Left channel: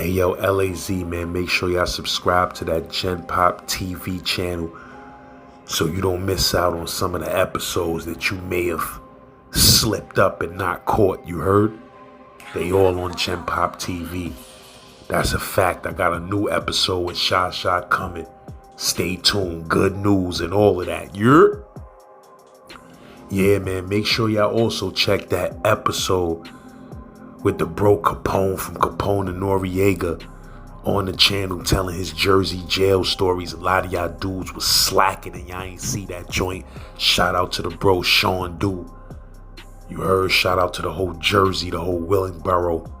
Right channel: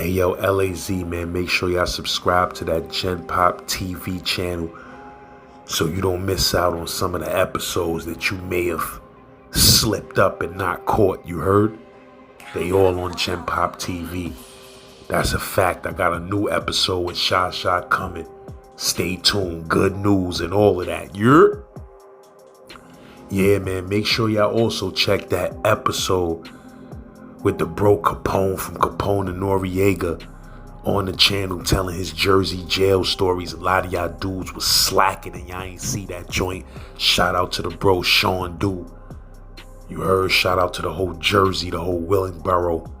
Hey yo, LAZ, man, make sure y'all subscribe to that Gen Pop TV channel so you don't miss out on some of the episodes that you may have slipped up and not caught. You heard? They all on Gen Pop TV. That's a fact. I got a new episode with Shot coming. Stay tuned. Good news and all of that. Yeah, man, make sure y'all also check that episode with the bro Capone from Capone and Noriega on the channel telling his Jersey jail stories. A lot of y'all dudes was slacking and y'all ain't see that joint. Shout out to the bro Sean Du. You heard? Shout out to the whole Jersey, the whole Willingboro.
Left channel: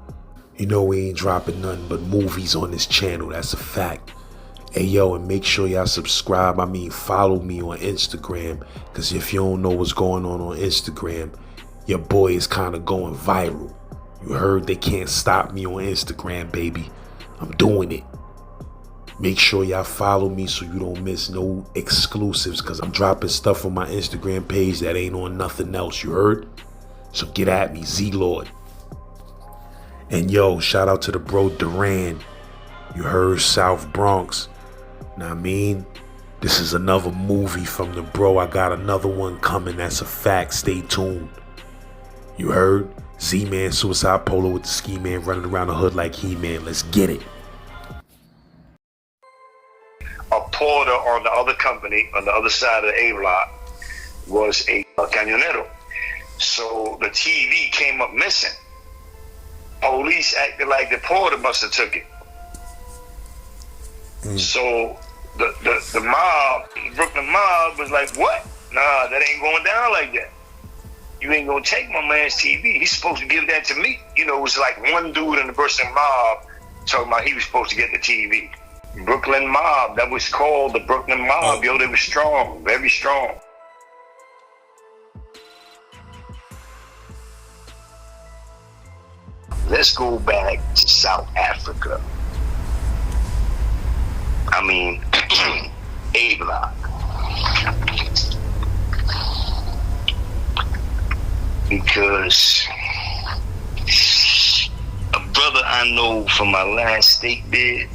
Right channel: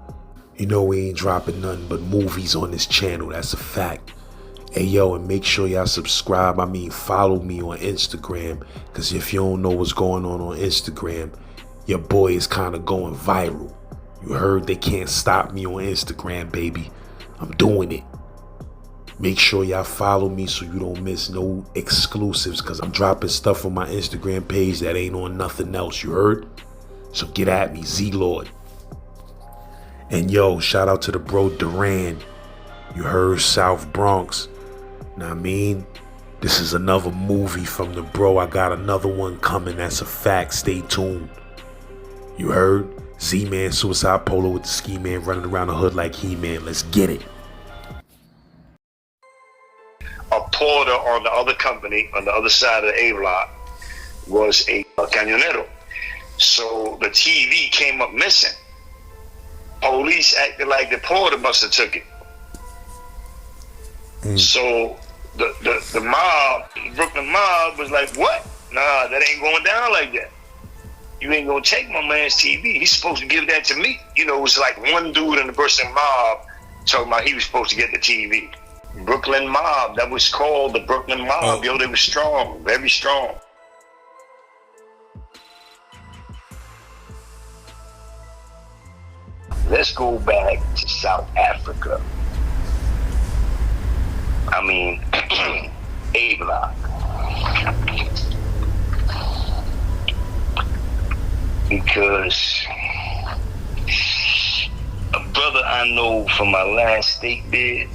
You know we ain't dropping nothing but movies on this channel. That's a fact. Hey yo, and make sure y'all subscribe. Follow me on Instagram. Cause if you don't know what's going on Instagram, your boy is kind of going viral. You heard? They can't stop me on Instagram, baby. I'm doing it. Make sure y'all follow me so you don't miss no exclusives, because I'm dropping stuff on my Instagram page that ain't on nothing else. You heard? So get at me, Z-Lord. And yo, shout out to the bro Duran. You heard? South Bronx. Now I mean, this is another movie from the bro. I got another one coming. That's a fact. Stay tuned. You heard? Z-Man, Suicide Polo with the Ski Man running around the hood like He-Man. Let's get it. A porter on the other company, on the other side of the A block, was a camionero. So the TV came up missing. Police acted like the porter must have took it. So the mob, the Brooklyn mob, was like, what? Nah, that ain't going down like that. You ain't gonna take my man's TV. He's supposed to give that to me. You know, it was like one dude in the Brooklyn mob talking about he was supposed to get the TV. Brooklyn mob, that was called the Brooklyn mob. Yo, they were strong, very strong. Let's go back to South Africa. I mean, A block. Because a brother I know from my last state bid,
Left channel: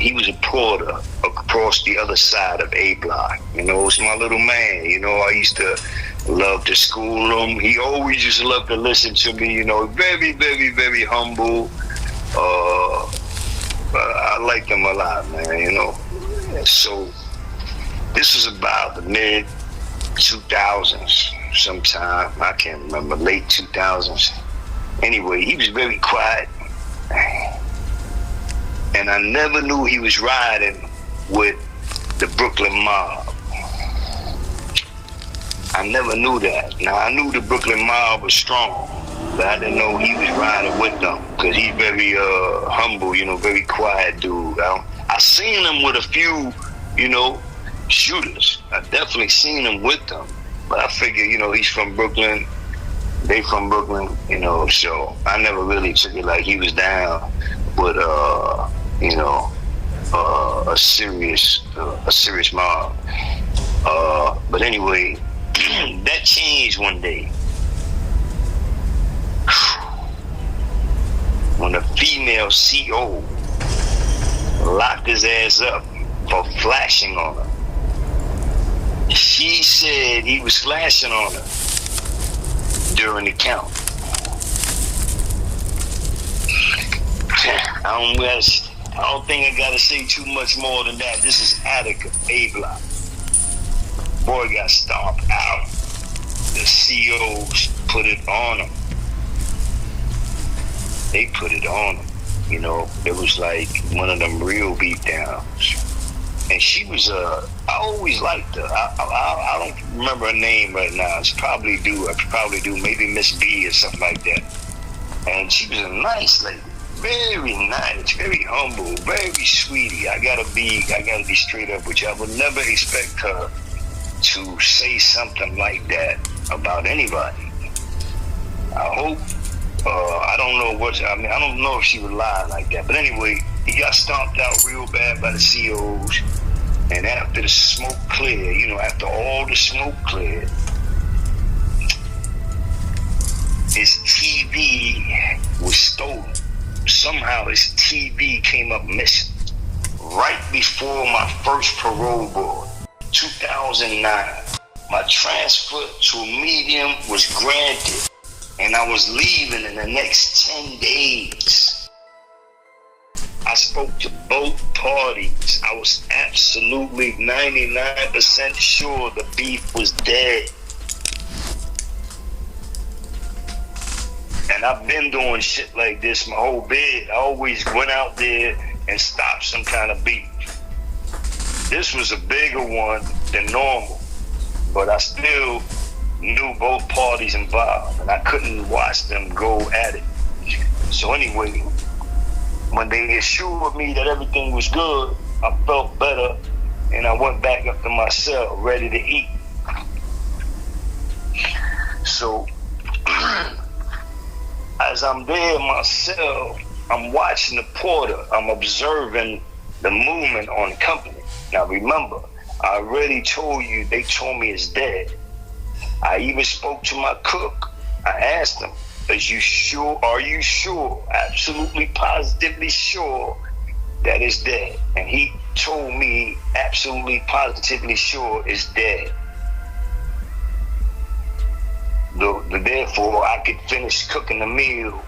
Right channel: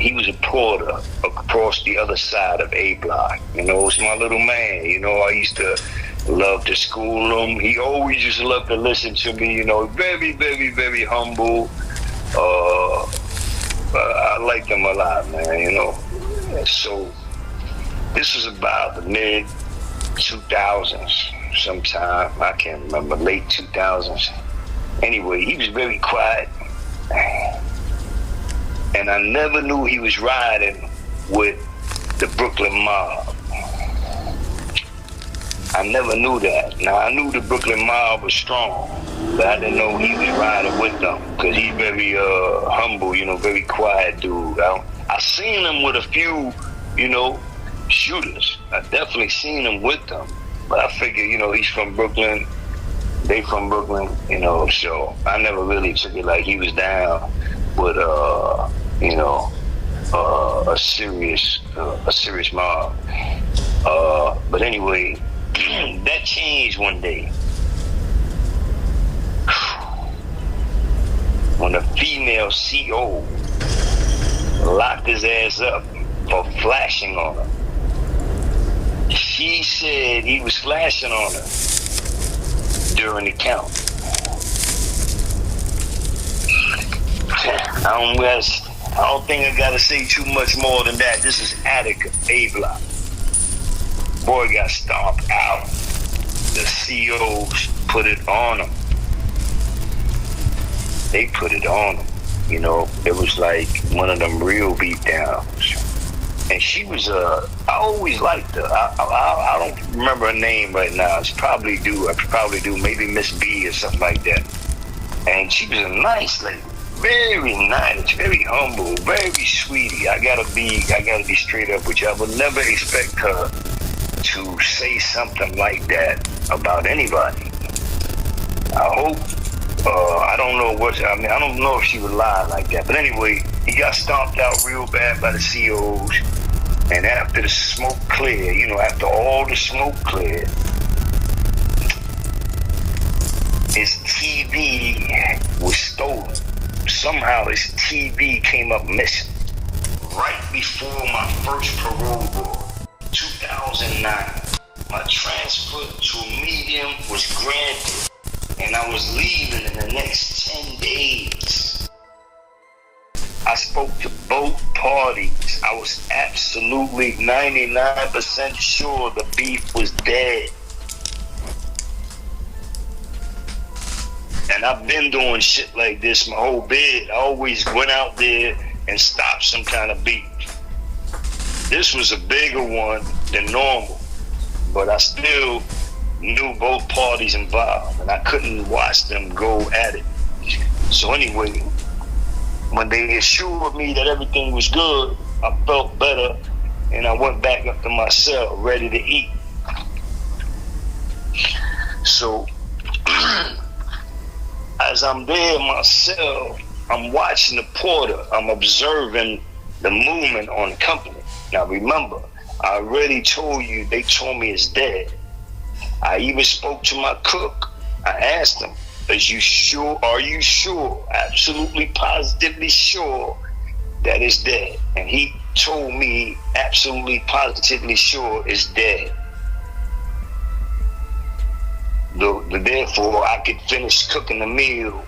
he was a porter across the other side of A block. You know, it's my little man. You know, I used to love to school him. He always used to love to listen to me. You know, very, very, very humble. I liked him a lot, man. You know, so this was about the mid 2000s. Sometime, I can't remember, late 2000s. Anyway, he was very quiet. And I never knew he was riding with the Brooklyn mob. I never knew that. Now, I knew the Brooklyn mob was strong, but I didn't know he was riding with them, because he's very humble, you know, very quiet dude. I seen him with a few, you know, shooters. I definitely seen him with them. But I figure, you know, he's from Brooklyn, they from Brooklyn, you know, so I never really took it like he was down with, you know, a serious mob. But anyway, that changed one day. When a female CO locked his ass up for flashing on her. She said he was flashing on her during the count. I don't think I gotta say too much more than that. This is Attica, A block. Boy got stomped out. The COs put it on him. They put it on him. You know, it was like one of them real beat downs. And she was I always liked her. I don't remember her name right now. I probably do, maybe Miss B or something like that. And she was a nice lady, very nice, very humble, very sweetie. I gotta be straight up with you. I would never expect her to say something like that about anybody. I hope, I don't know if she would lie like that. But anyway, he got stomped out real bad by the COs. And after the smoke cleared, you know, after all the smoke cleared, his TV was stolen. Somehow his TV came up missing right before my first parole board, 2009. My transfer to a medium was granted, and I was leaving in the next 10 days. I spoke to both parties. I was absolutely 99% sure the beef was dead. And I've been doing shit like this my whole bid. I always went out there and stopped some kind of beef. This was a bigger one than normal, but I still knew both parties involved, and I couldn't watch them go at it. So anyway, when they assured me that everything was good, I felt better, and I went back up to my cell ready to eat. So as I'm there in my cell, I'm watching the porter. I'm observing the movement on the company. Now remember, I already told you they told me it's dead. I even spoke to my cook. I asked him, are you sure, absolutely positively sure that it's dead? And he told me absolutely positively sure it's dead. Therefore, I could finish cooking the meal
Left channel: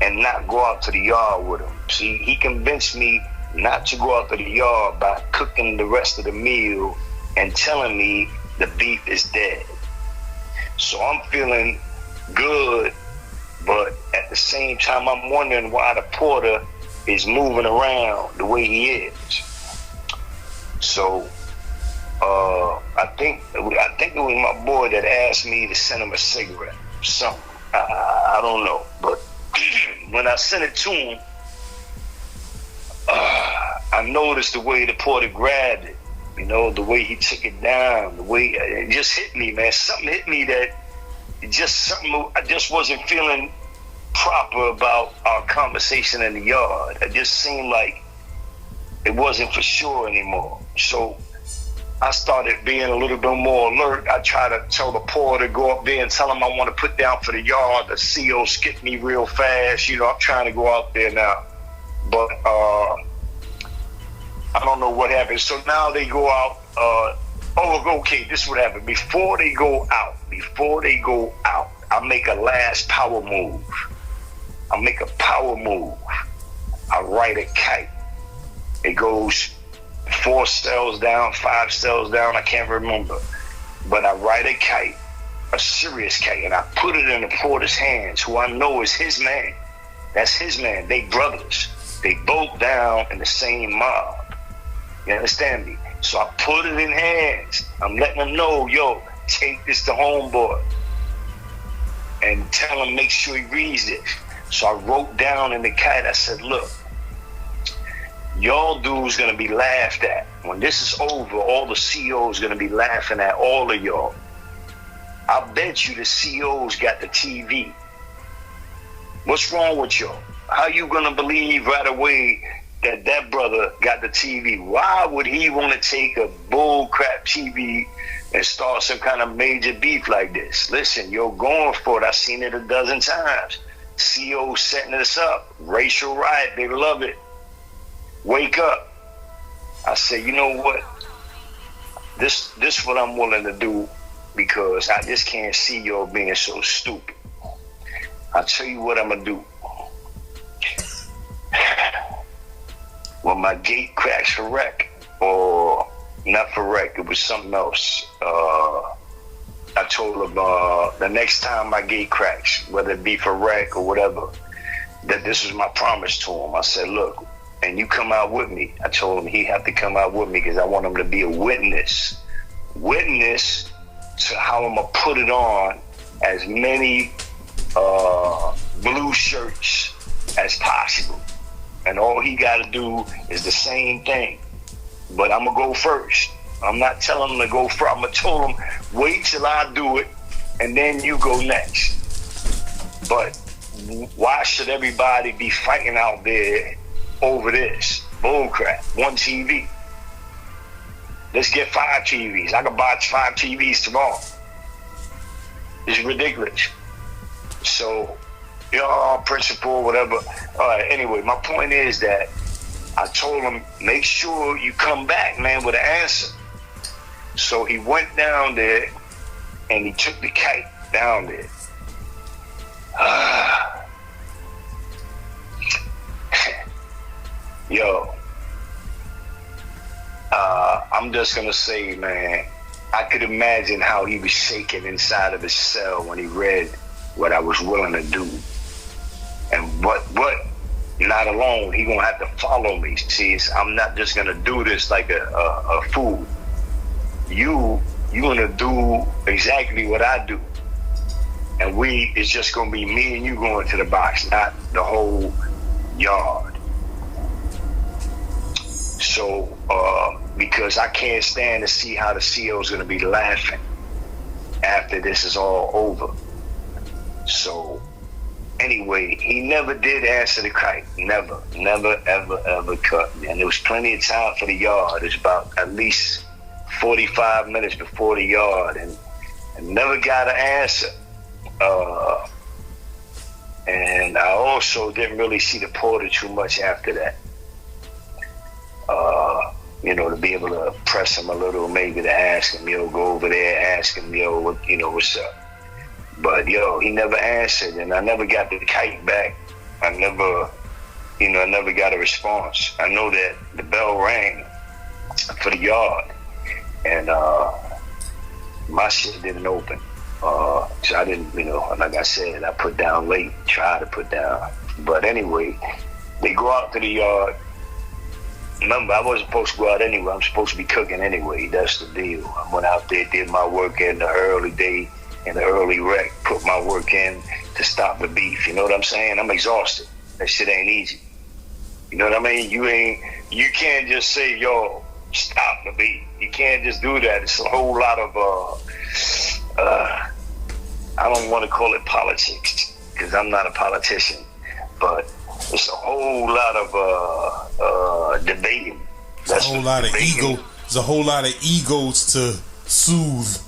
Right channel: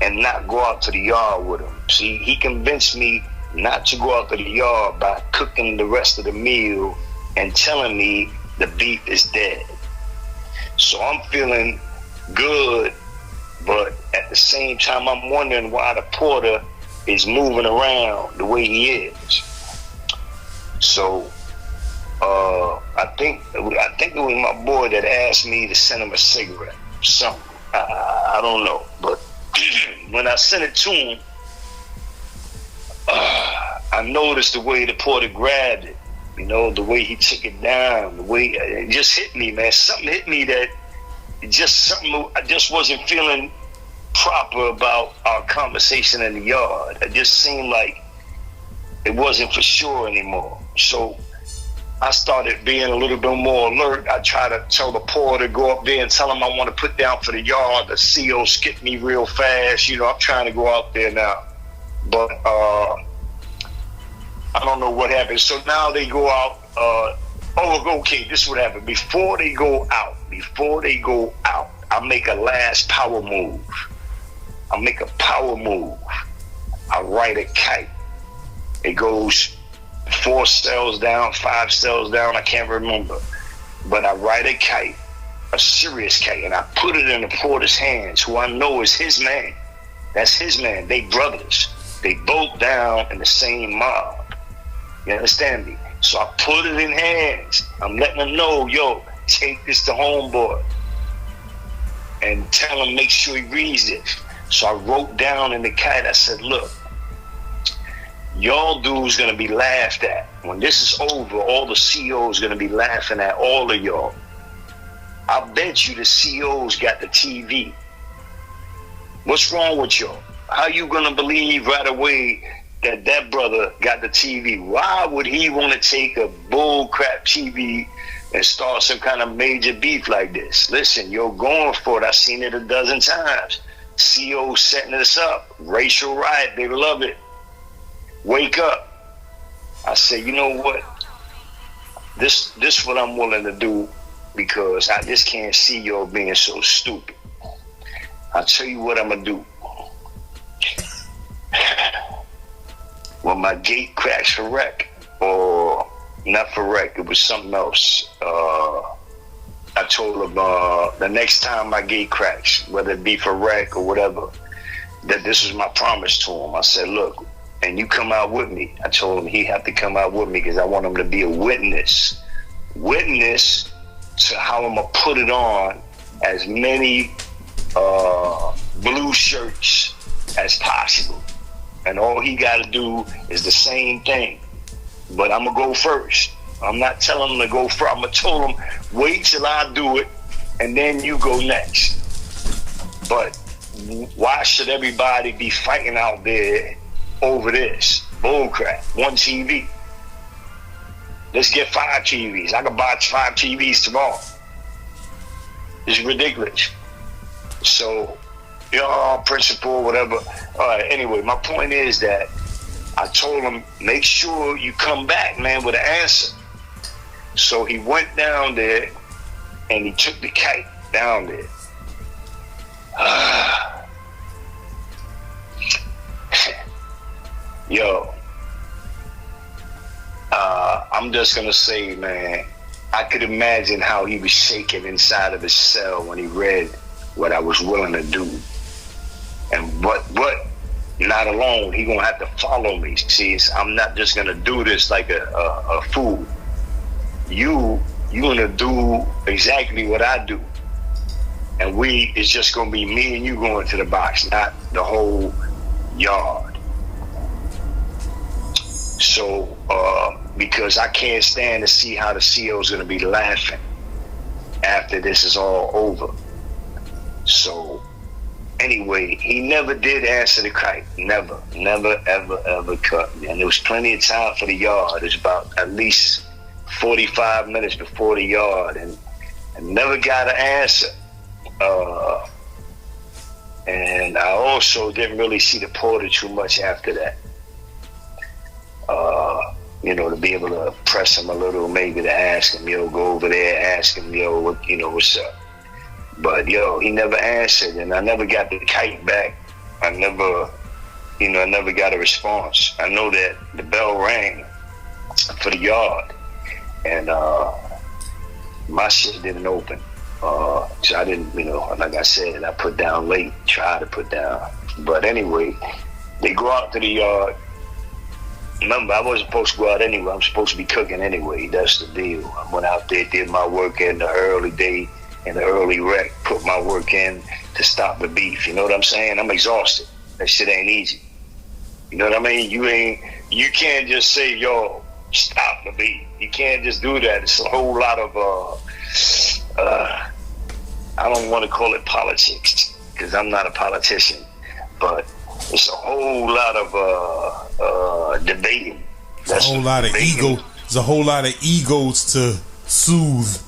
and not go out to the yard with him. See, he convinced me not to go out to the yard by cooking the rest of the meal and telling me the beef is dead. So I'm feeling good, but at the same time, I'm wondering why the porter is moving around the way he is. So I think it was my boy that asked me to send him a cigarette. Something. I don't know. But when I sent it to him, I noticed the way the porter grabbed it. You know, the way he took it down, the way it just hit me, man. Something hit me that I just wasn't feeling proper about our conversation in the yard. It just seemed like it wasn't for sure anymore. So I started being a little bit more alert. I tried to tell the porter to go up there and tell him I want to put down for the yard. The CO skipped me real fast. You know, I'm trying to go out there now. But I don't know what happened. So now they go out. Okay, this is what happened. Before they go out, I make a last power move. I make a power move. I write a kite. It goes 4 cells down, 5 cells down, I can't remember. But I write a kite, a serious kite, and I put it in the porter's hands, who I know is his man. That's his man. They brothers. They both down in the same mob. You understand me? So I put it in hands. I'm letting them know, yo, take this to homeboy. And tell him, make sure he reads it. So I wrote down in the kite, I said, look, y'all dudes gonna be laughed at. When this is over, all the COs gonna be laughing at all of y'all. I bet you the COs got the TV. What's wrong with y'all? How you gonna believe right away that brother got the TV? Why would he want to take a bull crap TV and start some kind of major beef like this? Listen, you're going for it. I've seen it a dozen times. COs setting this up. Racial riot, they love it. Wake up. I said, you know what? This what I'm willing to do, because I just can't see y'all being so stupid. I'll tell you what I'm gonna do. When my gate cracks for wreck, or not for wreck, it was something else. I told him the next time my gate cracks, whether it be for wreck or whatever, that this was my promise to him. I said, look, and you come out with me. I told him he'd have to come out with me because I want him to be a witness to how I'm gonna put it on as many blue shirts as possible. And all he got to do is the same thing. But I'm going to go first. I'm not telling him to go first. I'm going to tell him, wait till I do it, and then you go next. But why should everybody be fighting out there over this? Bullcrap. 1 TV. Let's get 5 TVs. I can buy 5 TVs tomorrow. It's ridiculous. So principal, whatever. All right, anyway, my point is that I told him, make sure you come back, man, with an answer. So he went down there and he took the kite down there. Yo, I'm just gonna say, man, I could imagine how he was shaking inside of his cell when he read what I was willing to do. And what not alone, he gonna have to follow me. See, I'm not just gonna do this like a fool. You gonna do exactly what I do. And it's just gonna be me and you going to the box, not the whole yard. So, because I can't stand to see how the CO's gonna be laughing after this is all over. So, anyway, he never did answer the kite. Never, ever cut me. And there was plenty of time for the yard. It was about at least 45 minutes before the yard, and never got an answer. And I also didn't really see the porter too much after that. To be able to press him a little, maybe to ask him, go over there, ask him, what's up. But he never answered, and I never got the kite back. I never got a response. I know that the bell rang for the yard, and my shit didn't open. So I didn't, like I said, I put down late, tried to put down. But anyway, they go out to the yard. Remember, I wasn't supposed to go out anyway. I'm supposed to be cooking anyway. That's the deal. I went out there, did my work in the early day, in the early wreck, put my work in to stop the beef. You know what I'm saying? I'm exhausted. That shit ain't easy. You know what I mean? You can't just say, stop the beef. You can't just do that. It's a whole lot of, I don't want to call it politics, because I'm not a politician, but it's a whole lot of debating. There's a whole lot of ego. There's a whole lot of egos to soothe.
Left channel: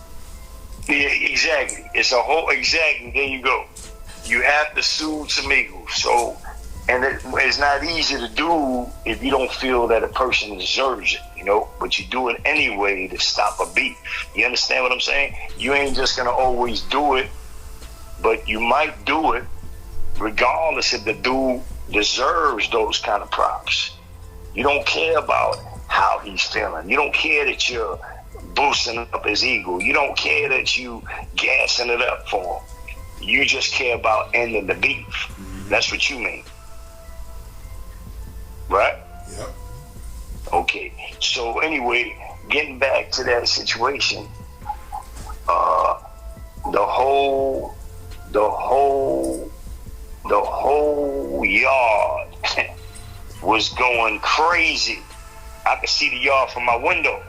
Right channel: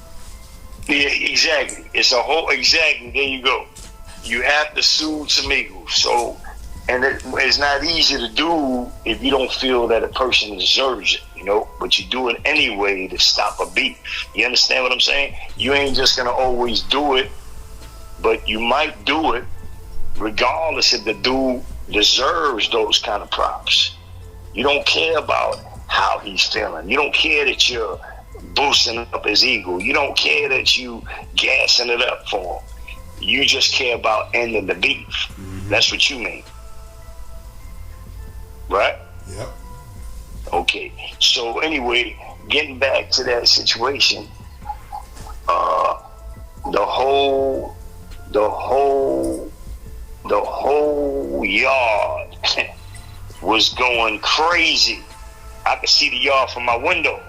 Yeah, exactly. Exactly. There you go. You have to soothe some egos. So, and it's not easy to do if you don't feel that a person deserves it, but you do it anyway to stop a beef. You understand what I'm saying? You ain't just gonna always do it, but you might do it regardless if the dude deserves those kind of props. You don't care about how he's feeling. You don't care that you're boosting up his ego. You don't care that you gassing it up for him. You just care about ending the beef. Mm-hmm. That's what you mean. Right? Yep. Okay. So anyway, getting back to that situation, the whole yard was going crazy. I could see the yard from my window.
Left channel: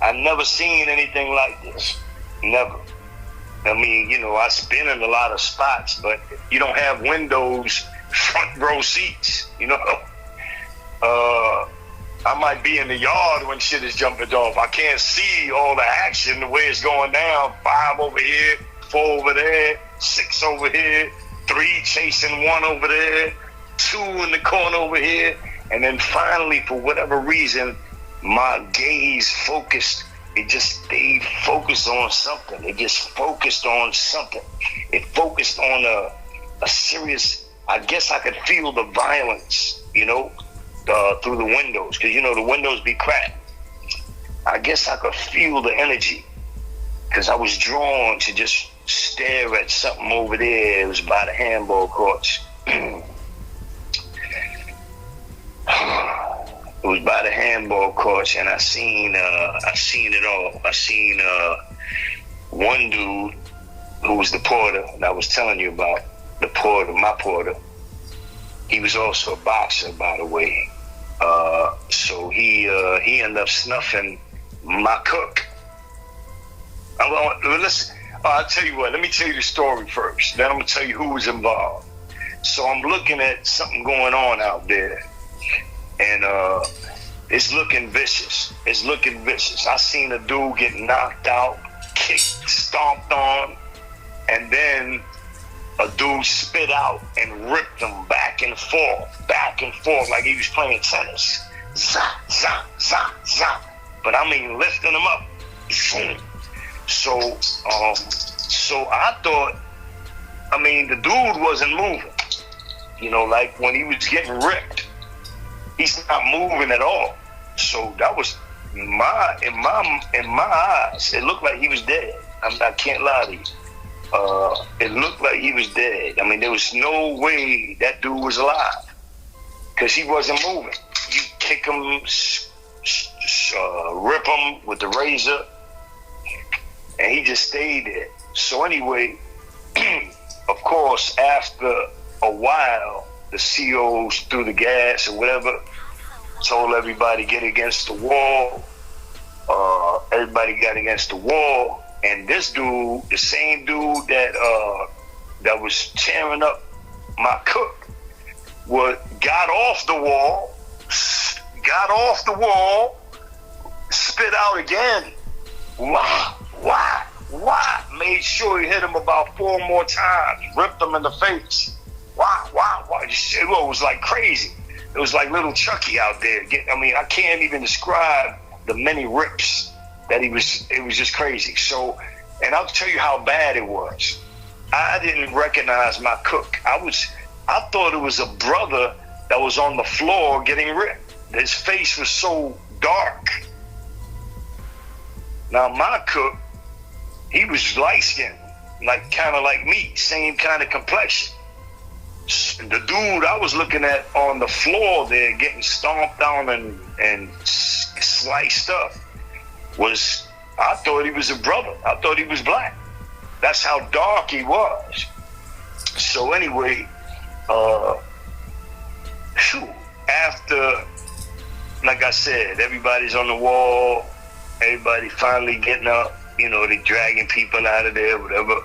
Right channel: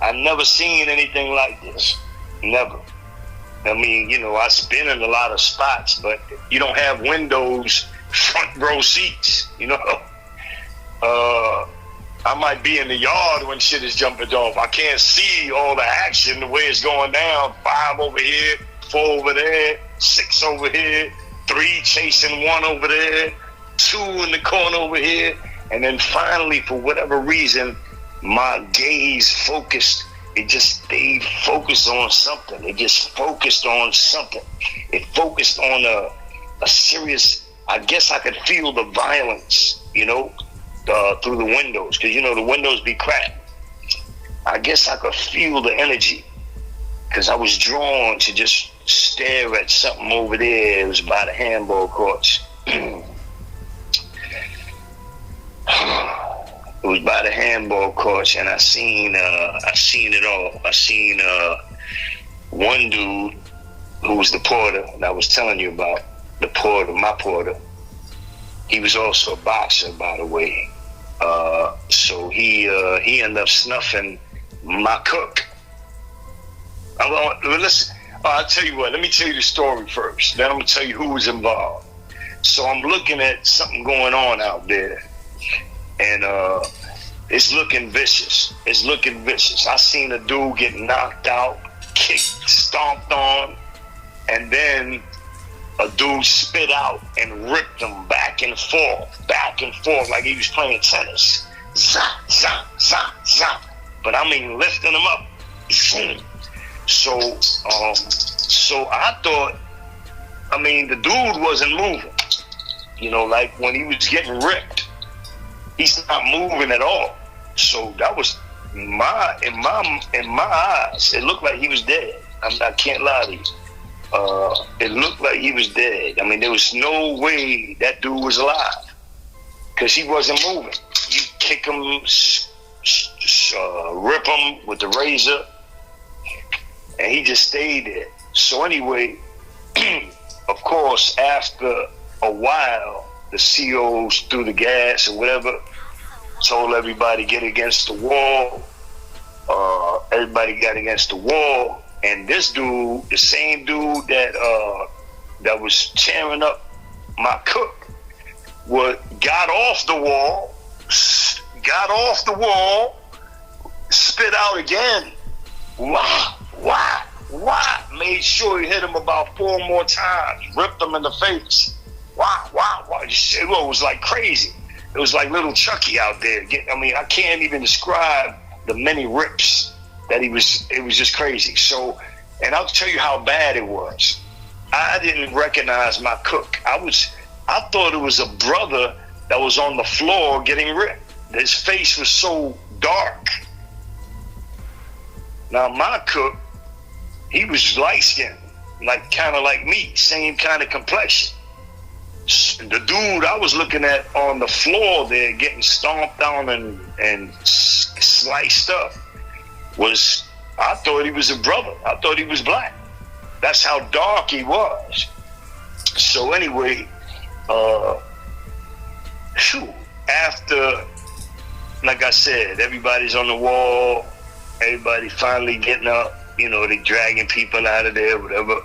I've never seen anything like this. Never. I mean, I've been in a lot of spots, but you don't have windows, front row seats, I might be in the yard when shit is jumping off. I can't see all the action, the way it's going down. 5 over here, 4 over there, 6 over here, 3 chasing 1 over there, 2 in the corner over here. And then finally, for whatever reason, my gaze focused. It just stayed focused on something. It just focused on something. It focused on a serious, I guess I could feel the violence, through the windows. Because, the windows be cracked. I guess I could feel the energy. Because I was drawn to just stare at something over there. It was by the handball courts. It was by the handball courts, and I seen it all. I seen one dude who was the porter that I was telling you about, my porter. He was also a boxer, by the way. So he ended up snuffing my cook. Listen, I'll tell you what. Let me tell you the story first. Then I'm gonna tell you who was involved. So I'm looking at something going on out there. And it's looking vicious. I seen a dude get knocked out, kicked, stomped on, and then a dude spit out and ripped him back and forth, like he was playing tennis. Zah, zah, zah, zah. But I mean, lifting him up. So I thought, I mean, the dude wasn't moving. You know, like when he was getting ripped, he's not moving at all. So that was in my eyes, it looked like he was dead. I can't lie to you. It looked like he was dead. I mean, there was no way that dude was alive because he wasn't moving. You kick him, rip him with the razor, and he just stayed there. So anyway, of course, after a while, the COs threw the gas or whatever, told everybody get against the wall. Everybody got against the wall, and this dude, the same dude that was tearing up my cook, got off the wall, spit out again. Why? Made sure he hit him about 4 more times, ripped him in the face. Why? It was like crazy. It was like little Chucky out there. I mean, I can't even describe the many rips that he was. It was just crazy. So, and I'll tell you how bad it was. I didn't recognize my cook. I thought it was a brother that was on the floor getting ripped. His face was so dark. Now my cook, he was light skinned, like kind of like me, same kind of complexion. The dude I was looking at on the floor there getting stomped on and sliced up I thought he was a brother. I thought he was black. That's how dark he was. So anyway, after, like I said, everybody's on the wall, everybody finally getting up, you know, they dragging people out of there, whatever.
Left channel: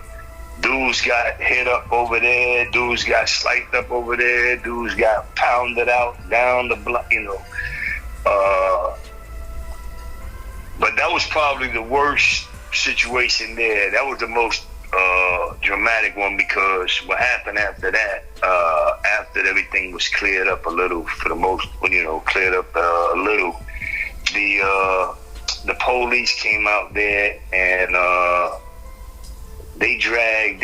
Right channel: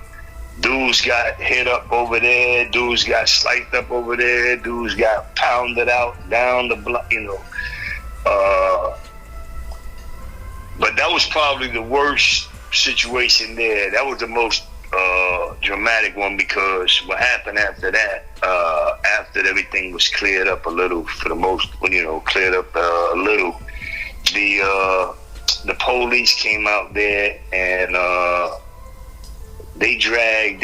Dudes got hit up over there, dudes got sliced up over there, dudes got pounded out down the block, you know. But that was probably the worst situation there. That was the most dramatic one, because what happened after that, after everything was cleared up a little, for the most, you know, cleared up a little, the police came out there and they dragged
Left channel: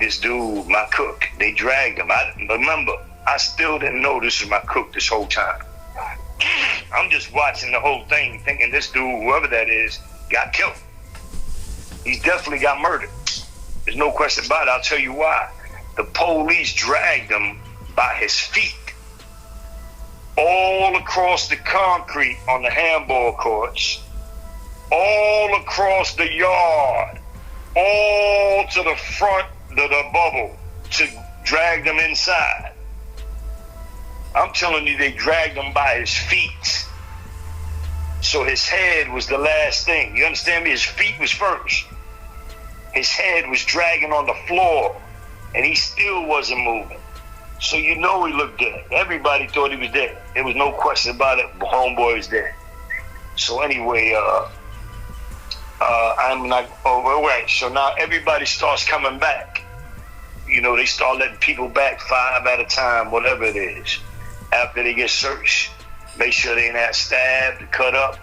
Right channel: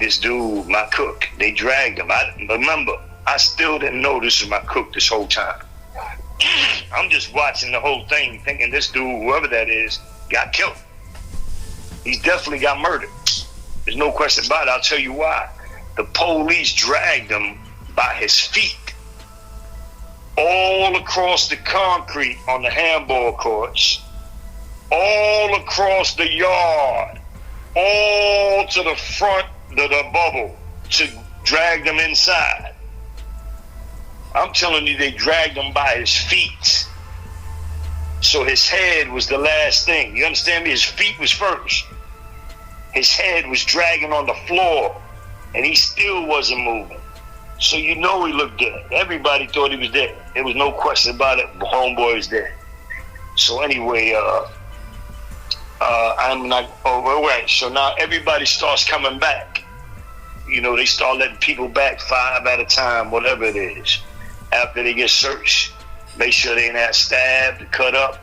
this dude, my cook. They dragged him. Remember, I still didn't know this was my cook this whole time. I'm just watching the whole thing, thinking this dude, whoever that is, got killed. He's definitely got murdered. There's no question about it. I'll tell you why. The police dragged him by his feet all across the concrete on the handball courts, all across the yard, all to the front of the bubble to drag them inside. I'm telling you, they dragged him by his feet. So his head was the last thing. You understand me? His feet was first. His head was dragging on the floor, and he still wasn't moving. So you know he looked dead. Everybody thought he was dead. There was no question about it. Homeboy was dead. So anyway, I'm not. Oh, right. So now everybody starts coming back. You know, they start letting people back 5 at a time, whatever it is. After they get searched, make sure they ain't not stabbed, cut up.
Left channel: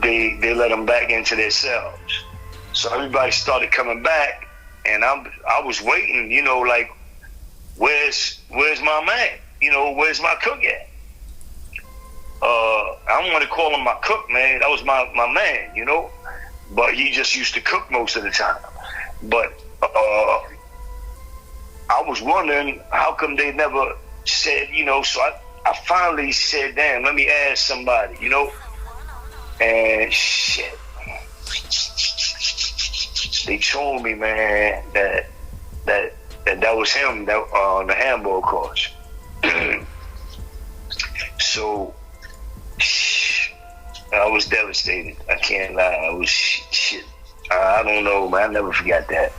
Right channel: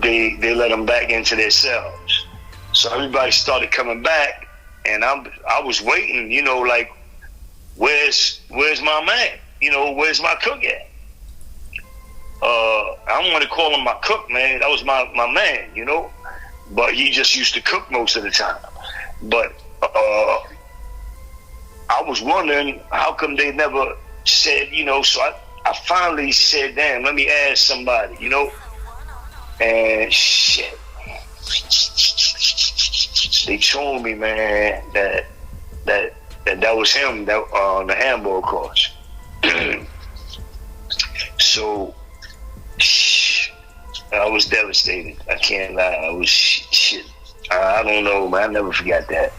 They let them back into their cells. So everybody started coming back, and I was waiting. You know, like, where's my man? You know, where's my cook at? I don't want to call him my cook, man. That was my man, you know. But he just used to cook most of the time. But I was wondering how come they never said, you know. So I finally said, damn, let me ask somebody, you know. And shit, they told me, man, that was him, that on the handball courts. So I was devastated. I can't lie. I was shit. I don't know, man. I never forgot that,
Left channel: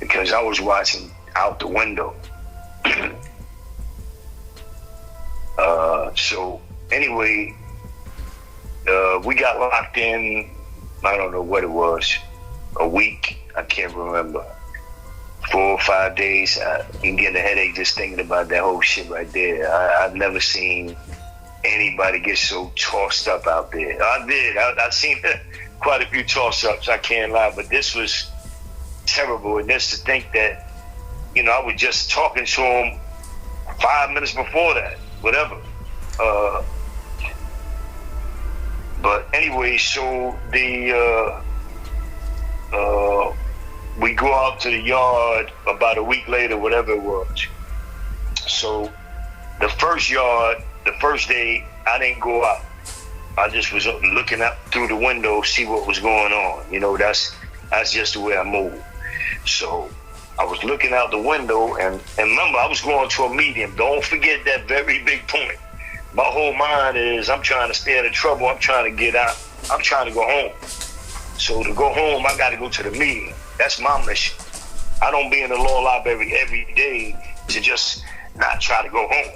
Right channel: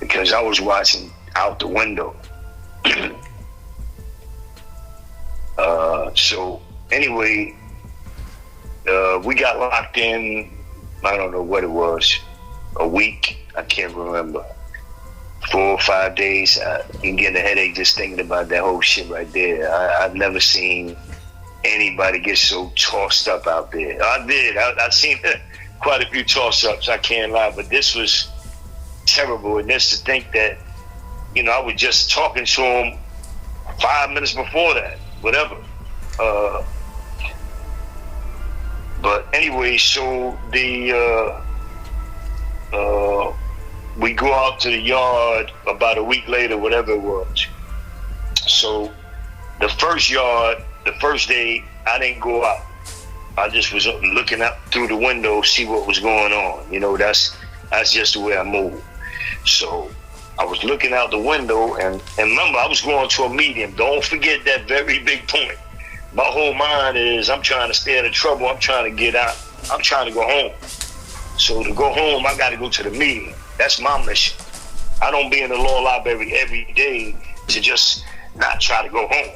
because I was watching out the window. So anyway, we got locked in. I don't know what it was. A week. I can't remember. 4 or 5 days. I'm getting a headache just thinking about that whole shit right there. I've never seen anybody get so tossed up out there. I've seen quite a few toss-ups, I can't lie, but this was terrible. And just to think that, I was just talking to him 5 minutes before that, whatever. But anyway, so we go out to the yard about a week later, whatever it was. So the first day, I didn't go out. I just was looking out through the window, see what was going on. That's just the way I move. So I was looking out the window, and remember, I was going to a meeting. Don't forget that very big point. My whole mind is I'm trying to stay out of trouble. I'm trying to get out. I'm trying to go home. So to go home, I got to go to the meeting. That's my mission. I don't be in the law library every day to just not try to go home.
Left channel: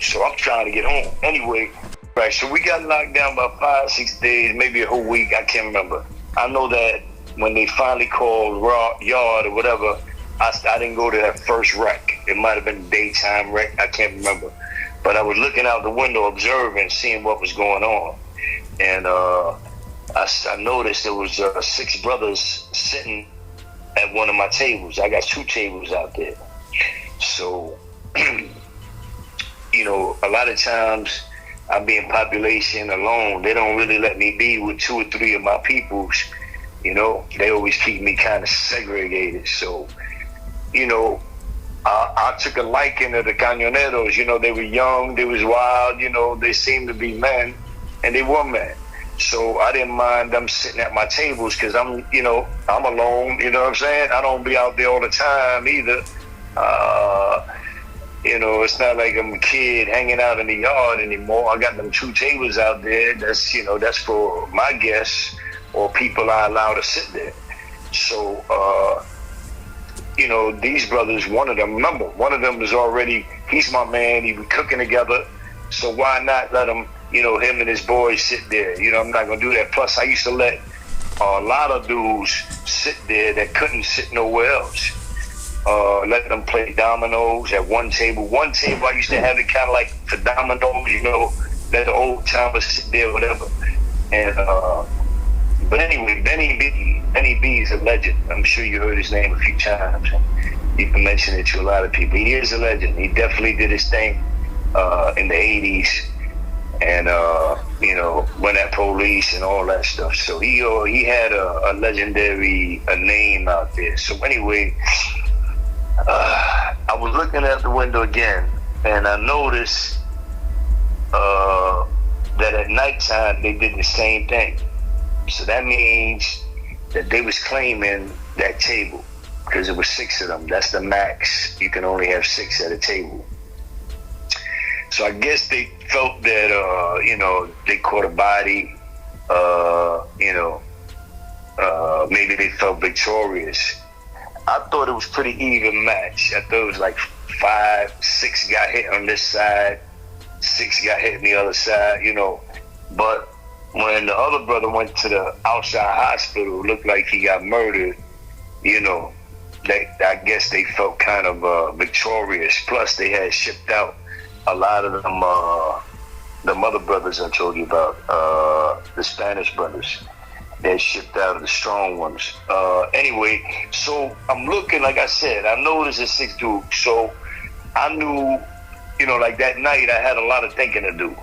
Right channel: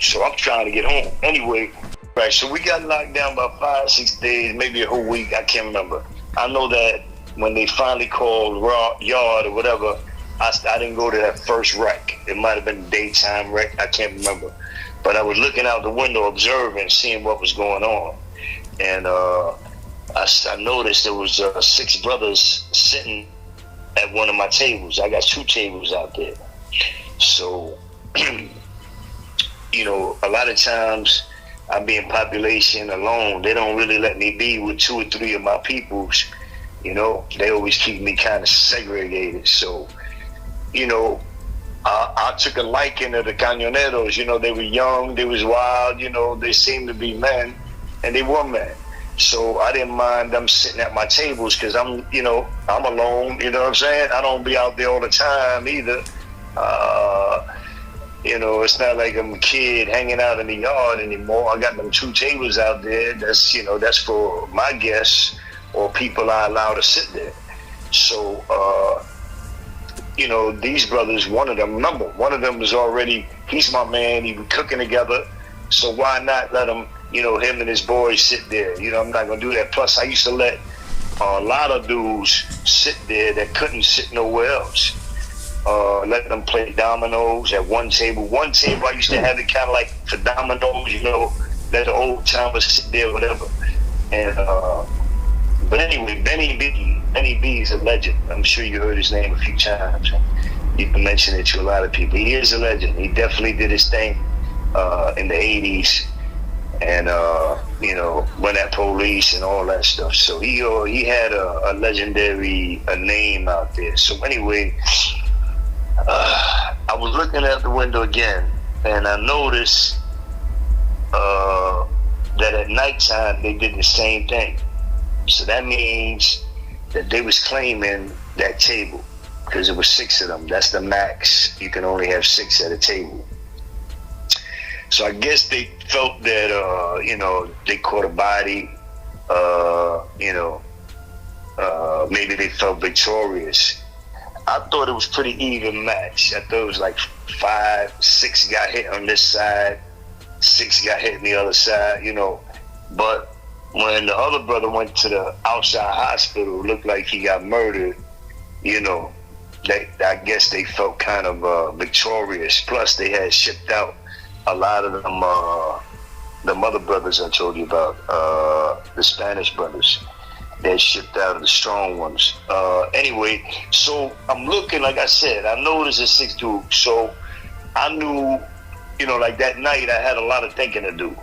So I'm trying to get home. Anyway, right, so we got locked down about 5-6 days, maybe a whole week. I can't remember. I know that when they finally called yard or whatever, I didn't go to that first wreck. It might have been daytime wreck. I can't remember. But I was looking out the window, observing, seeing what was going on. And I noticed there was 6 brothers sitting at one of my tables. I got 2 tables out there. So, a lot of times I be in population alone. They don't really let me be with 2 or 3 of my peoples. They always keep me kind of segregated. So, I took a liking to the cañoneros. They were young, they was wild, they seemed to be men, and they were men. So I didn't mind them sitting at my tables because I'm alone, you know what I'm saying? I don't be out there all the time either. It's not like I'm a kid hanging out in the yard anymore. I got them 2 tables out there. That's for my guests or people I allow to sit there. So, these brothers, one of them was already, he's my man, he was cooking together, so why not let him, him and his boys sit there? I'm not going to do that. Plus, I used to let a lot of dudes sit there that couldn't sit nowhere else. Let them play dominoes at one table. One table, I used to have it kind of like for dominoes, let the old timers sit there, whatever. And, but anyway, Benny B is a legend. I'm sure you heard his name a few times. You can mention it to a lot of people. He is a legend. He definitely did his thing in the 80s. And, went at police and all that stuff. So he had a legendary name out there. So anyway, I was looking at the window again, and I noticed that at nighttime they did the same thing. So that means that they was claiming that table because it was 6 of them. That's the max. You can only have 6 at a table. So I guess they felt that, they caught a body, maybe they felt victorious. I thought it was pretty even match. I thought it was like 5-6 got hit on this side, 6 got hit on the other side, But when the other brother went to the outside hospital, it looked like he got murdered, I guess they felt kind of victorious. Plus, they had shipped out a lot of them, the other brothers I told you about, the Spanish brothers. They shipped out of the strong ones. Anyway, so I'm looking, like I said, I know there's a 6 dude. So I knew, like that night I had a lot of thinking to do.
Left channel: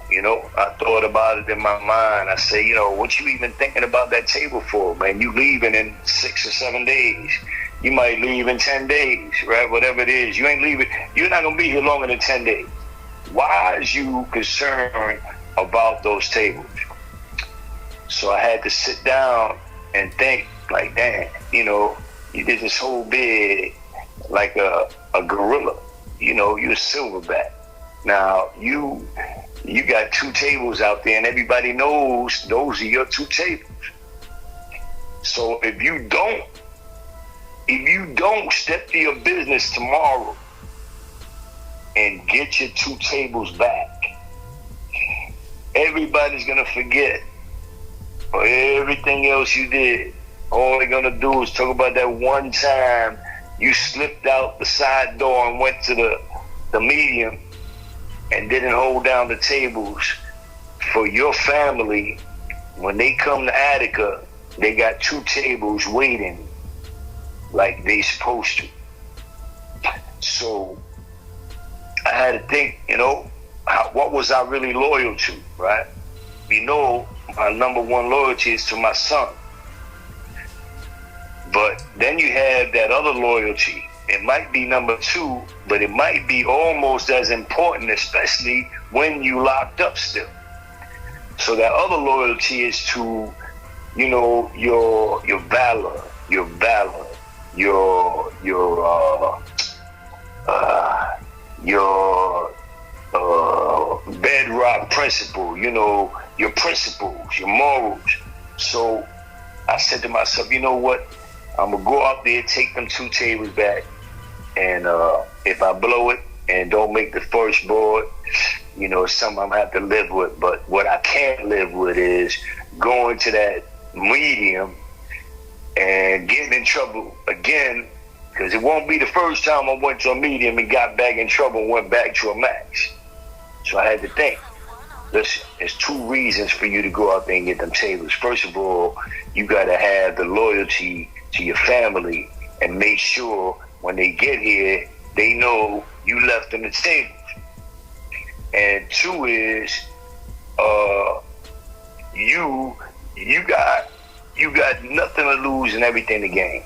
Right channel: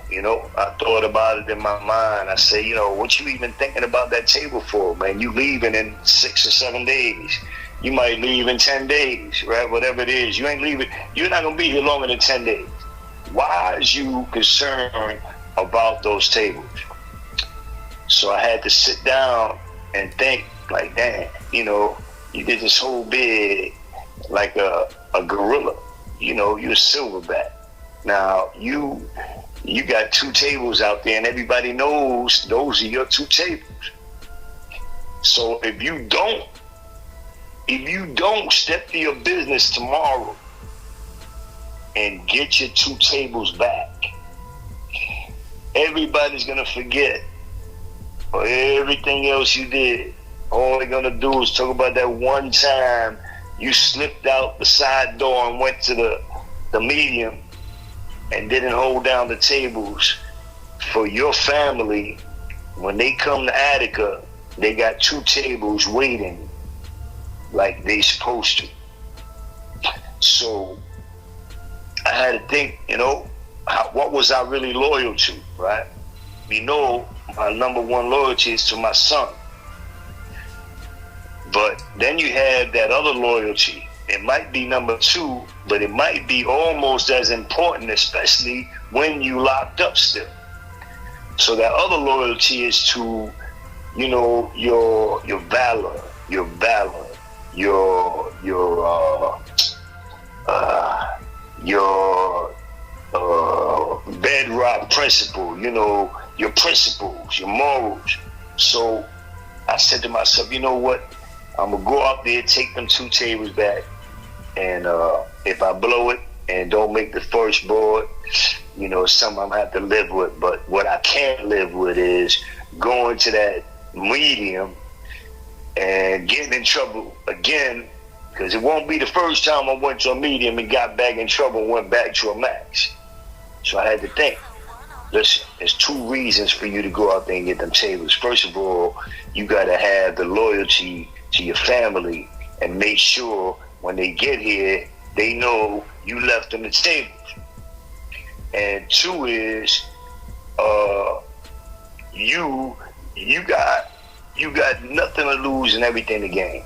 I thought about it in my mind. I say, what you even thinking about that table for, man? You leaving in 6 or 7 days. You might leave in 10 days, right? Whatever it is. You ain't leaving. You're not going to be here longer than 10 days. Why is you concerned about those tables? So I had to sit down and think, like, damn, you did this whole bid like a gorilla. You're a silverback. Now, you got 2 tables out there, and everybody knows those are your 2 tables. So if you don't step to your business tomorrow and get your 2 tables back, everybody's going to forget or everything else you did All they're gonna do is talk about that one time you slipped out the side door and went to the medium and didn't hold down the tables for your family. When they come to Attica, they got 2 tables waiting like they supposed to. So I had to think, what was I really loyal to, right? My number one loyalty is to my son. But then you have that other loyalty. It might be number 2, but it might be almost as important, especially when you locked up still. So that other loyalty is to, your valor, your bedrock principle, your principles, your morals. So I said to myself, you know what? I'm gonna go out there, take them 2 tables back, and if I blow it and don't make the first board, it's something I'm gonna have to live with. But what I can't live with is going to that medium and getting in trouble again, because it won't be the first time I went to a medium and got back in trouble and went back to a max. So I had to think, listen, there's 2 reasons for you to go out there and get them tables. First of all, you gotta have the loyalty to your family and make sure when they get here, they know you left them the tables. And 2 is, you got nothing to lose and everything to gain.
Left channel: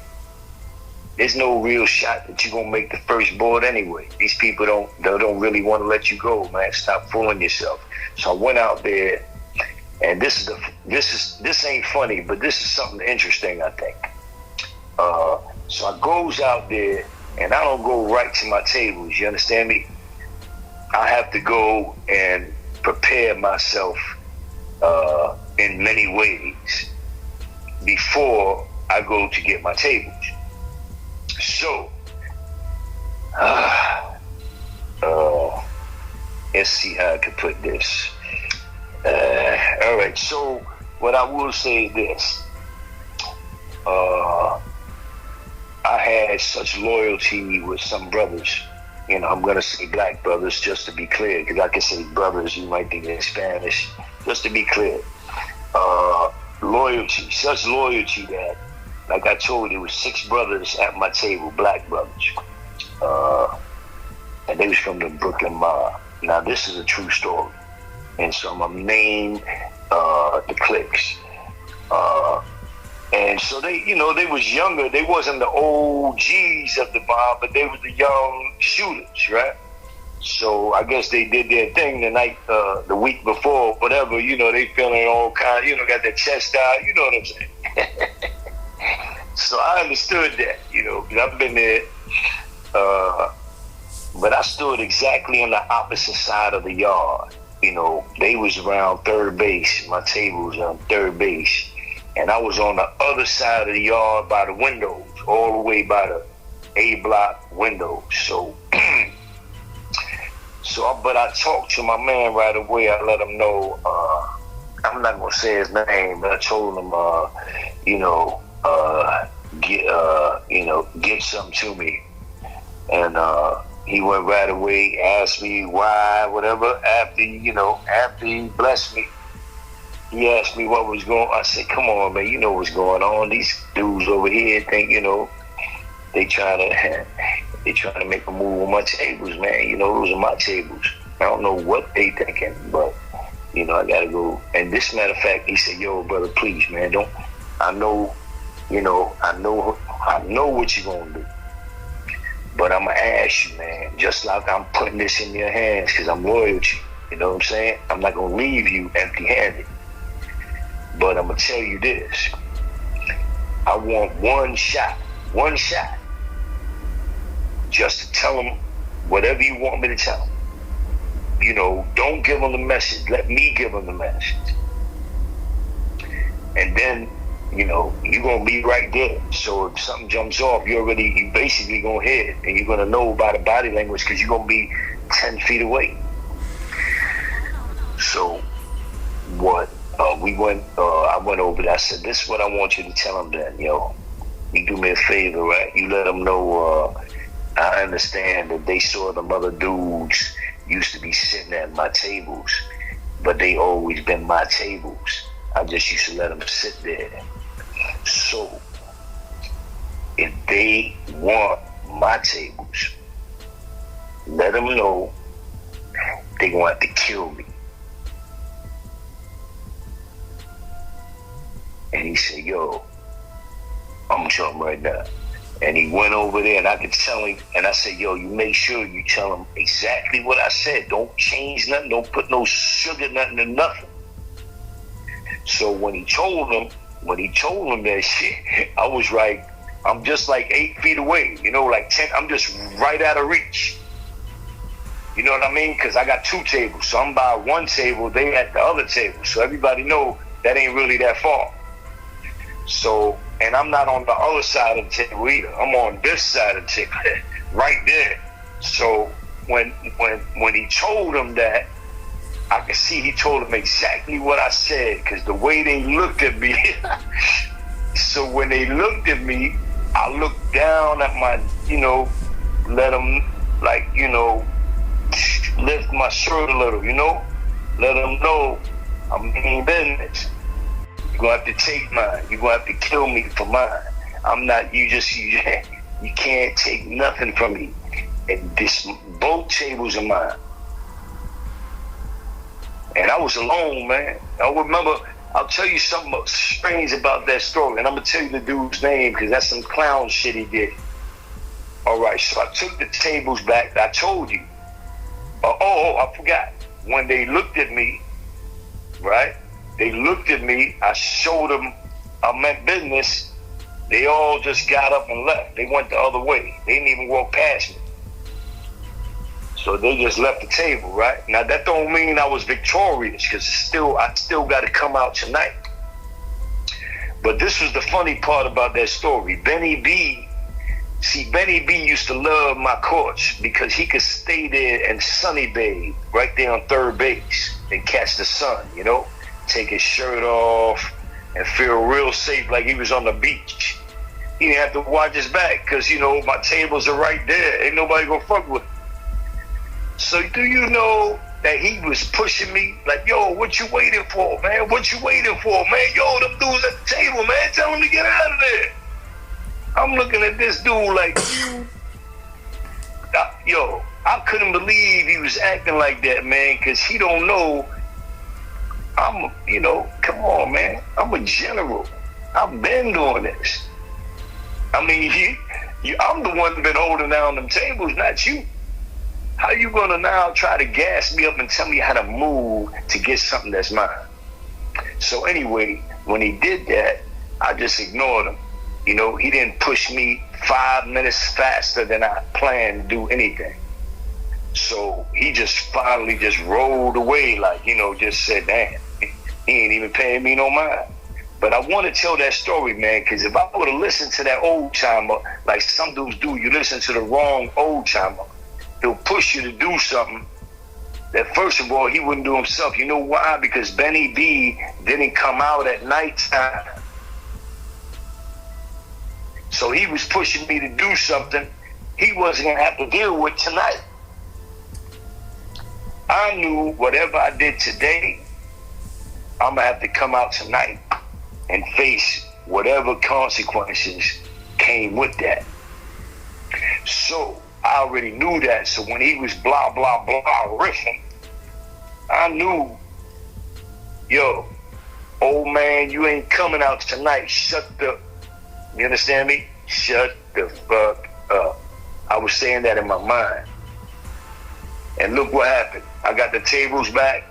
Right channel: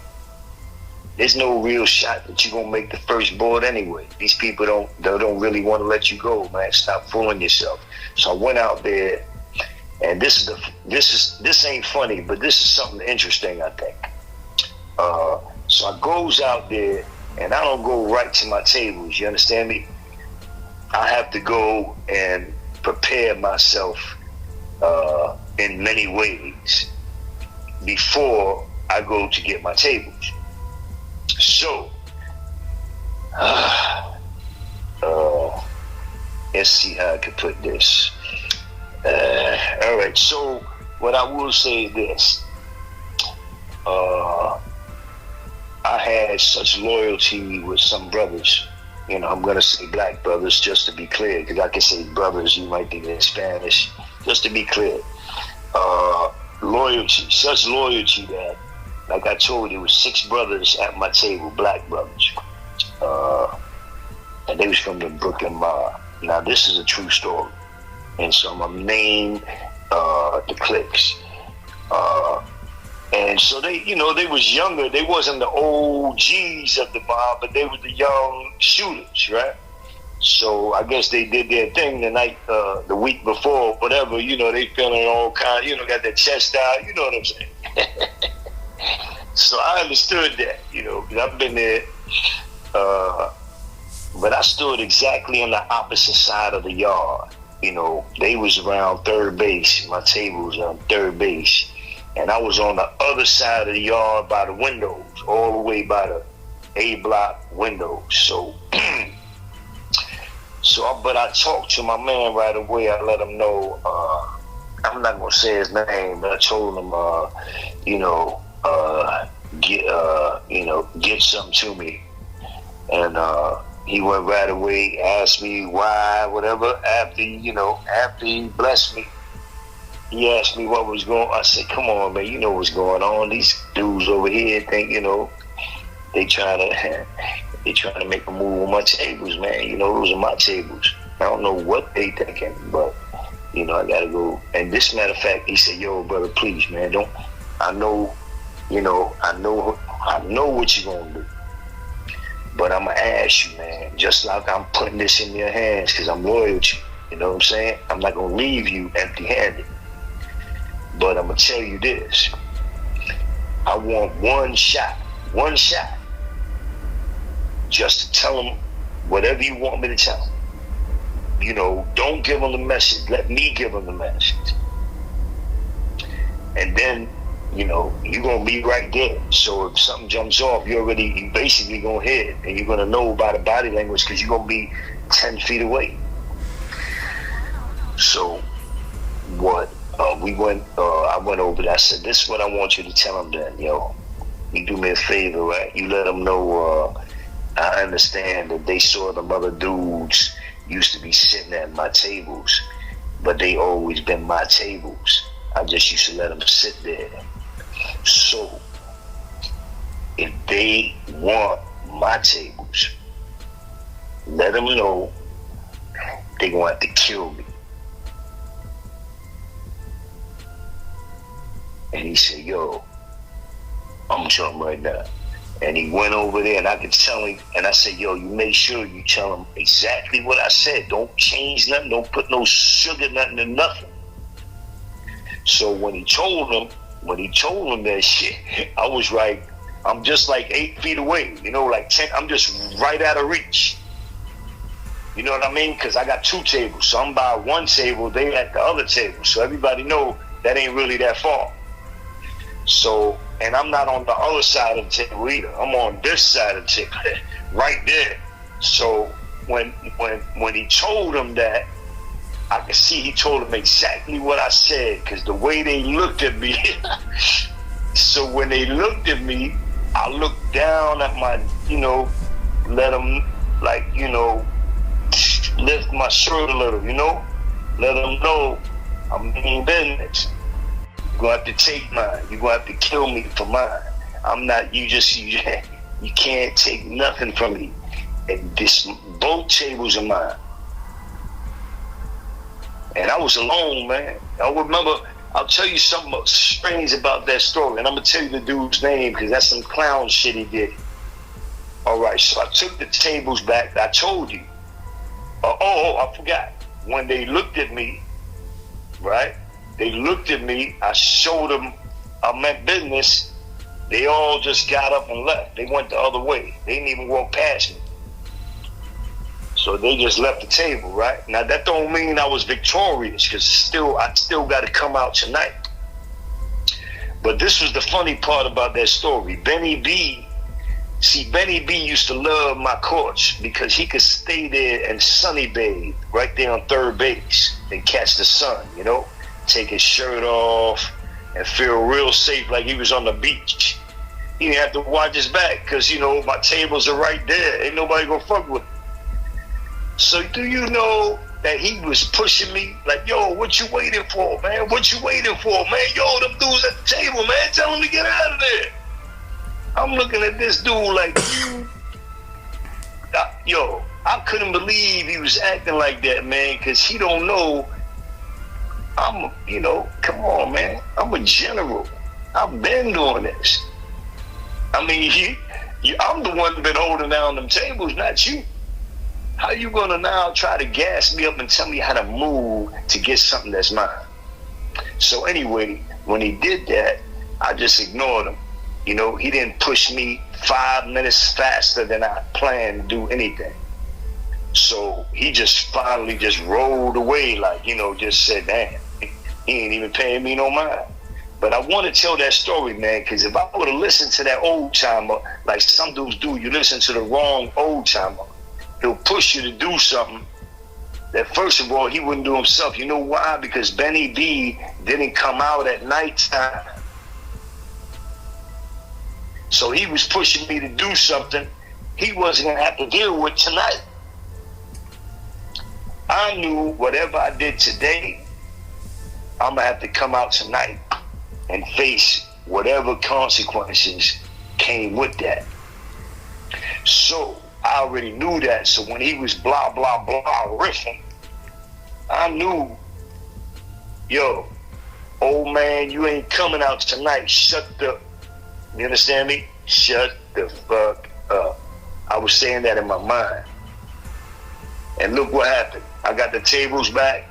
There's no real shot that you're gonna make the first board anyway. These people don't really want to let you go, man. Stop fooling yourself. So I went out there, and this ain't funny, but this is something interesting, I think. So I goes out there, and I don't go right to my tables. You understand me? I have to go and prepare myself in many ways before I go to get my tables. So, let's see how I can put this. All right, so what I will say is this. I had such loyalty with some brothers. I'm going to say black brothers just to be clear, because I can say brothers, you might think in Spanish. Just to be clear. Loyalty, such loyalty that, like I told you, it was 6 brothers at my table, black brothers. And they was from the Brooklyn mob. Now, this is a true story. And so I'm going to name the cliques. And so they was younger. They wasn't the OGs of the mob, but they were the young shooters, right? So I guess they did their thing the night, the week before, whatever, they feeling all kind, got their chest out, you know what I'm saying? So I understood that, because I've been there, but I stood exactly on the opposite side of the yard. They was around third base, my table was on third base, and I was on the other side of the yard by the windows, all the way by the A block windows. So, but I talked to my man right away. I let him know, I'm not gonna say his name, but I told him, get something to me. And he went right away, asked me why, whatever. After he blessed me, he asked me what was going on. I said, come on, man, you know what's going on. These dudes over here think, they trying to make a move on my tables, man. Those are my tables. I don't know what they thinking, but, I gotta go. And this matter of fact, he said, yo, brother, please, man, I know what you're gonna do. But I'm gonna ask you, man, just like I'm putting this in your hands, because I'm loyal to you. You know what I'm saying? I'm not gonna leave you empty-handed. But I'm gonna tell you this. I want one shot, just to tell them whatever you want me to tell them. Don't give them the message. Let me give them the message. And then, you're going to be right there. So if something jumps off, you basically going to hear it. And you're going to know by the body language, because you're going to be 10 feet away. So what I went over there. I said, this is what I want you to tell them then, yo. You do me a favor, right? You let them know, I understand that they saw them other dudes used to be sitting at my tables, but they always been my tables. I just used to let them sit there. So, if they want my tables, let them know they gonna have to kill me. And he said, yo, I'm telling him right now. And he went over there, and I could tell him, and I said, yo, you make sure you tell him exactly what I said. Don't change nothing. Don't put no sugar, nothing, in nothing. So when he told him that shit, I was like, I'm just like 8 feet away, you know, like 10, I'm just right out of reach. You know what I mean? Because I got 2 tables. So I'm by one table, they at the other table. So everybody know that ain't really that far. So, and I'm not on the other side of the table either. I'm on this side of the table, right there. So when he told him that, I could see he told him exactly what I said, because the way they looked at me. So when they looked at me, I looked down at my, you know, let them, like, you know, lift my shirt a little, you know, let them know I mean business. You're gonna have to take mine. You're gonna have to kill me for mine. I'm not, you can't take nothing from me. And both tables are mine. And I was alone, man. I remember, I'll tell you something strange about that story. And I'm gonna tell you the dude's name, because that's some clown shit he did. All right, so I took the tables back. I told you. I forgot. When they looked at me, right? They looked at me. I showed them I meant business. They all just got up and left. They went the other way. They didn't even walk past me. So they just left the table, right? Now that don't mean I was victorious, because I still got to come out tonight. But this was the funny part about that story. Benny B used to love my courts because he could stay there and sunny bathe right there on third base and catch the sun, you know, take his shirt off and feel real safe like he was on the beach. He didn't have to watch his back because, you know, my tables are right there. Ain't nobody gonna fuck with him. So do you know that he was pushing me like, yo, what you waiting for, man? What you waiting for, man? Yo, them dudes at the table, man, tell them to get out of there. I'm looking at this dude like, yo, I couldn't believe he was acting like that, man, because he don't know come on, man. I'm a general. I've been doing this. I mean, I'm the one that's been holding down them tables, not you. How you gonna now try to gas me up and tell me how to move to get something that's mine? So anyway, when he did that, I just ignored him. You know, he didn't push me 5 minutes faster than I planned to do anything. So he just finally just rolled away, like, you know, just said, damn, he ain't even paying me no mind. But I want to tell that story, man, because if I would have listened to that old timer, like some dudes do, you listen to the wrong old timer, he'll push you to do something that, first of all, he wouldn't do himself. You know why? Because Benny B didn't come out at nighttime. So he was pushing me to do something he wasn't going to have to deal with tonight. I knew whatever I did today, I'm going to have to come out tonight and face whatever consequences came with that. So I already knew that. So when he was blah, blah, blah riffing, I knew, yo, old man, you ain't coming out tonight. You understand me? Shut the fuck up. I was saying that in my mind. And look what happened. I got the tables back.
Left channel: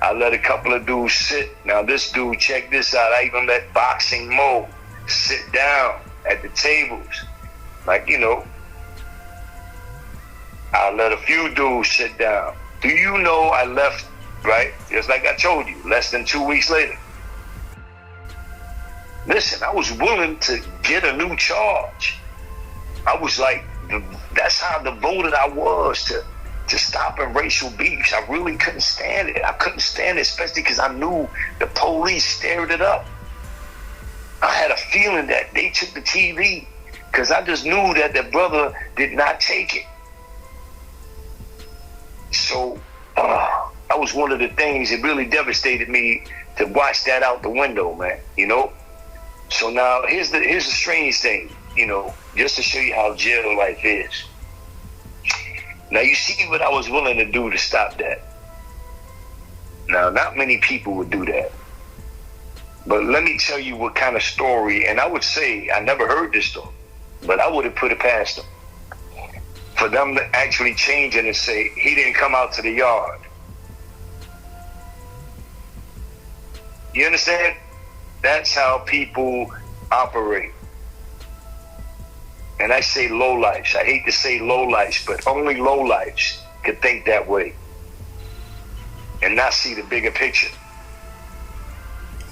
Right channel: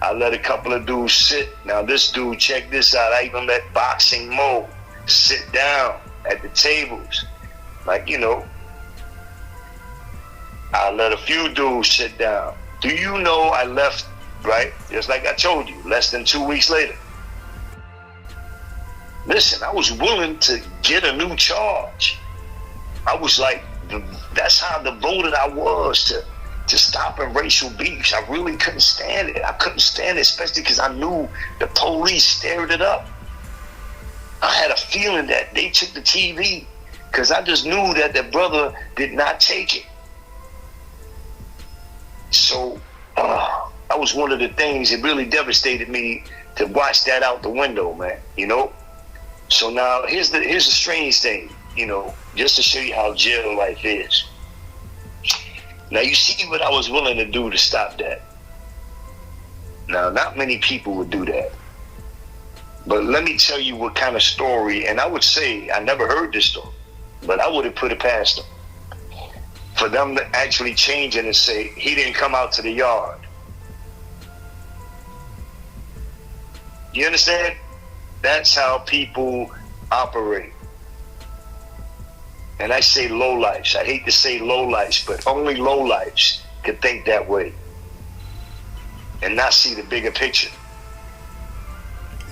I let a couple of dudes sit. Now this dude, check this out. I even let Boxing Mo sit down at the tables. Like, you know, I let a few dudes sit down. Do you know I left, right? Just like I told you, less than 2 weeks later. Listen, I was willing to get a new charge. I was like, that's how devoted I was to to stopping racial beefs. I really couldn't stand it. I couldn't stand it, especially because I knew the police stirred it up. I had a feeling that they took the TV because I just knew that the brother did not take it. So that was one of the things that really devastated me, to watch that out the window, man, you know? So now here's the strange thing, you know, just to show you how jail life is. Now you see what I was willing to do to stop that. Now, not many people would do that. But let me tell you what kind of story, and I would say, I never heard this story, but I would have put it past them. For them to actually change it and say, he didn't come out to the yard. You understand? That's how people operate. And I say lowlifes. I hate to say lowlifes, but only lowlifes could think that way and not see the bigger picture.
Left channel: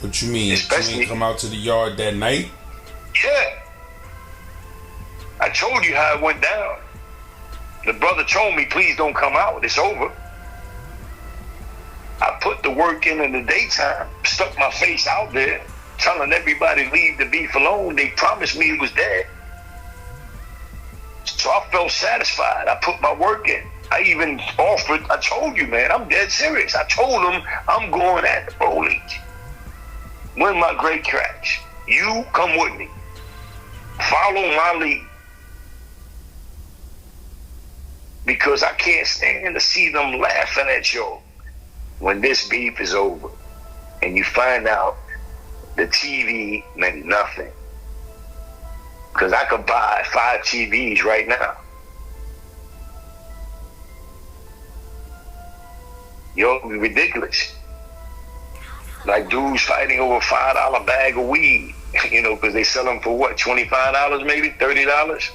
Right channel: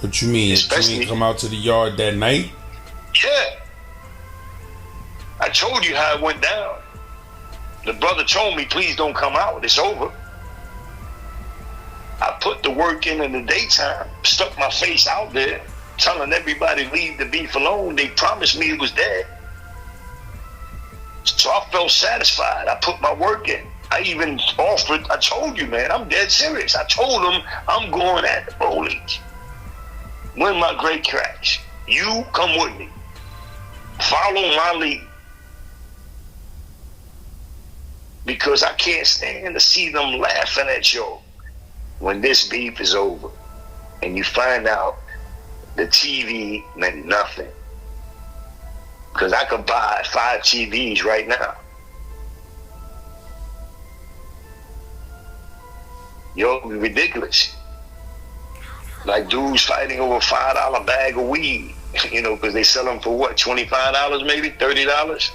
What you mean? Especially, you ain't come out to the yard that night? Yeah. I told you how it went down. The brother told me, please don't come out. It's over. I put the work in the daytime, stuck my face out there, telling everybody leave the beef alone. They promised me it was dead. So I felt satisfied. I put my work in. I even offered, I told you, man, I'm dead serious. I told them I'm going at the police. Win my great cracks. You come with me. Follow my lead. Because I can't stand to see them laughing at you when this beef is over. And you find out the TV meant nothing. Because I could buy 5 TVs right now. Yo, it'd be ridiculous. Like dudes fighting over a $5 bag of weed, you know, because they sell them for what, $25 maybe, $30?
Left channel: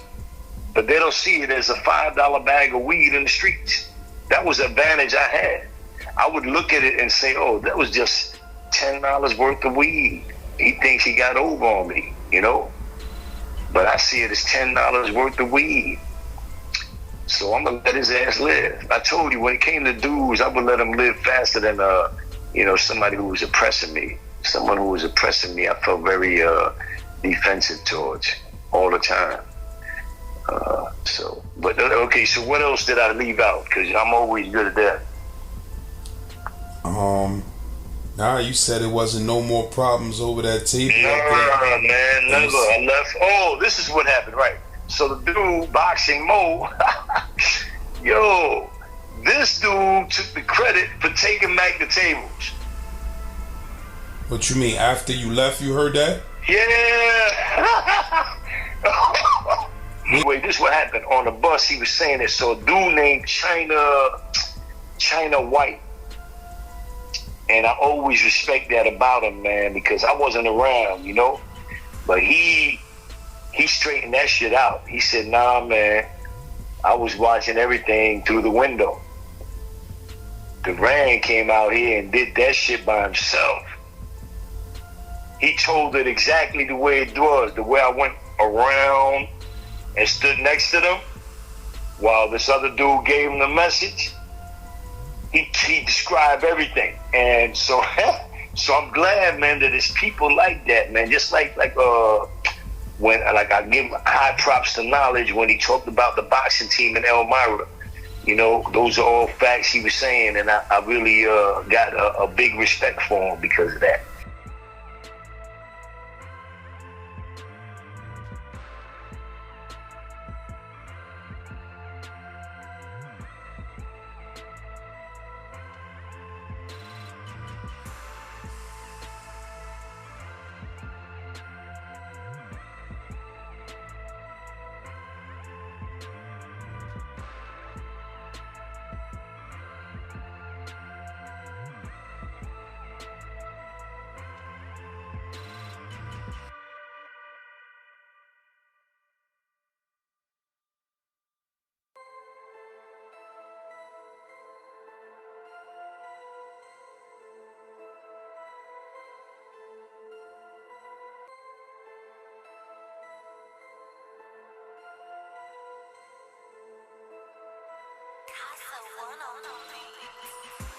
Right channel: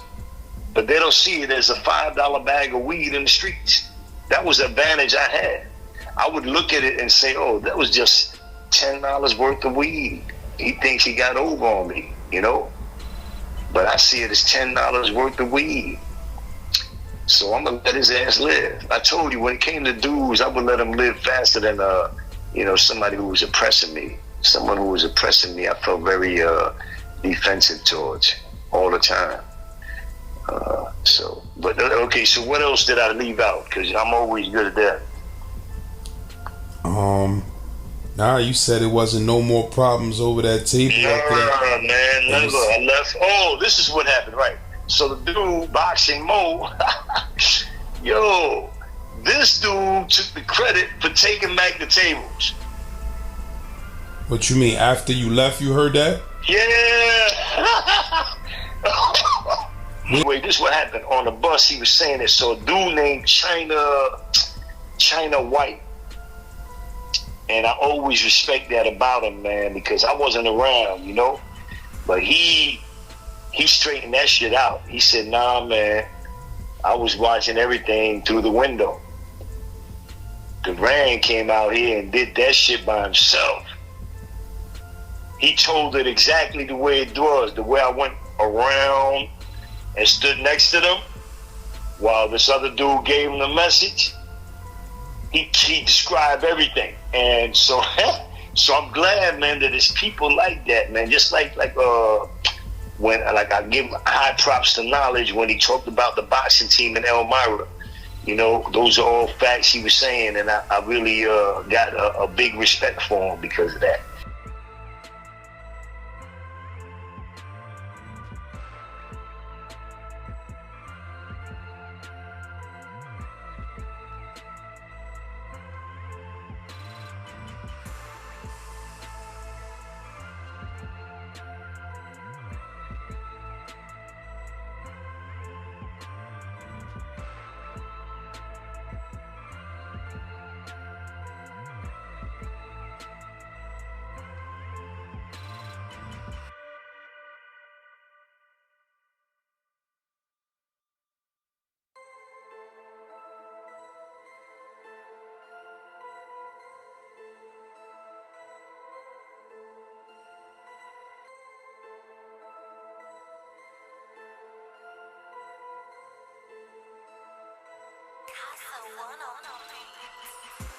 But they don't see it as a $5 bag of weed in the streets. That was the advantage I had. I would look at it and say, oh, that was just $10 worth of weed. He thinks he got over on me, you know? But I see it as $10 worth of weed. So I'm going to let his ass live. I told you, when it came to dudes, I would let him live faster than, you know, somebody who was oppressing me. Someone who was oppressing me, I felt very defensive towards all the time. Okay, so what else did I leave out? Because I'm always good at that. Nah, you said it wasn't no more problems over that table. Nah, man, never. I left. Oh, this is what happened, right? So the dude, Boxing Mo, yo, this dude took the credit for taking back the tables. What you mean? After you left, you heard that? Yeah. Wait, this is what happened. On the bus, he was saying it. So a dude named China White. And I always respect that about him, man, because I wasn't around, you know? But he straightened that shit out. He said, nah, man, I was watching everything through the window. Duran came out here and did that shit by himself. He told it exactly the way it was, the way I went around and stood next to them while this other dude gave him the message. He described everything. And so I'm glad, man, that it's people like that, man. Just like when I give high props to Knowledge when he talked about the boxing team in Elmira. You know, those are all facts he was saying, and I really got a big respect for him because of that. Casa one on the beat.